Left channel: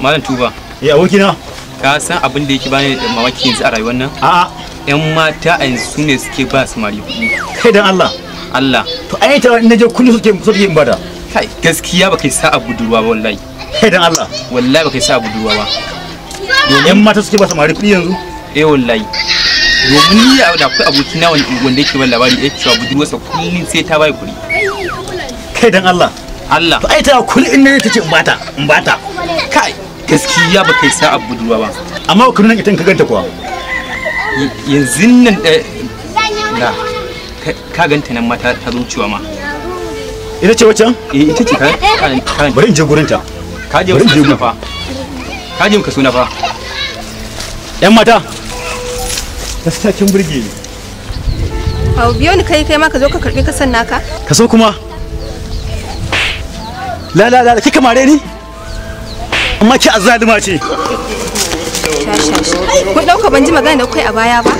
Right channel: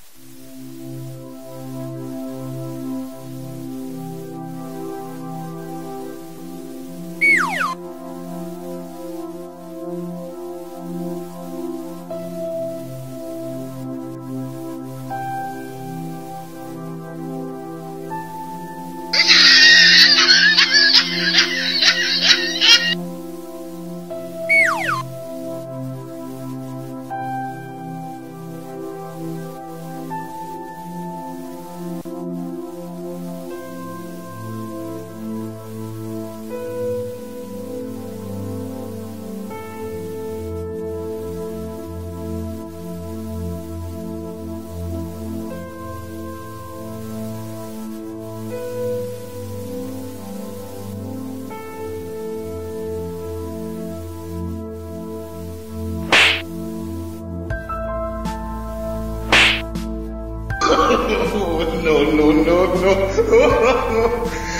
Malam Tuba. Abokina. Ka san abin da yake bani da mamaki yanzu a rayuwar nan? A'a. Yan mata a yanzu su ne suke ba samari kuɗi. Kai dan Allah. Allah. To ai ta in naje kullum suke in bada. Kai gaskiya ba kai sa a budurwa ba wallahi. Kai dan Allah. Wallahi ba kai sa a budurwa ba. Yan mata suke ba samari kuɗi yanzu? Wallahi. Domin ni da akwai abokina wanda yake ban labari yake cewa budurwarsa kullum sai ta bai kuɗi. Kai dan Allah. Allah. To ai ta kullum in naje tace in bata. Kai gaskiya ba kai sa a budurwa ba. Amma ku nan ita ka ganta kuwa. Yanzu nan da ka ganta nan mata ta zuciwa ma. Ita ce waccan? Ita ce ka. Bari in je gurin ta. Ka je ka suna fa. Ka je ka suna fa. Yan mata. Gaskiya kin burge ni. Hau biyo ni kai ma ka zo ka karbi kasan naka. Ka so kuma? La kika mare ni? Amma ki azalima ce. Ku dauka ban ji magana da kai a baya ba.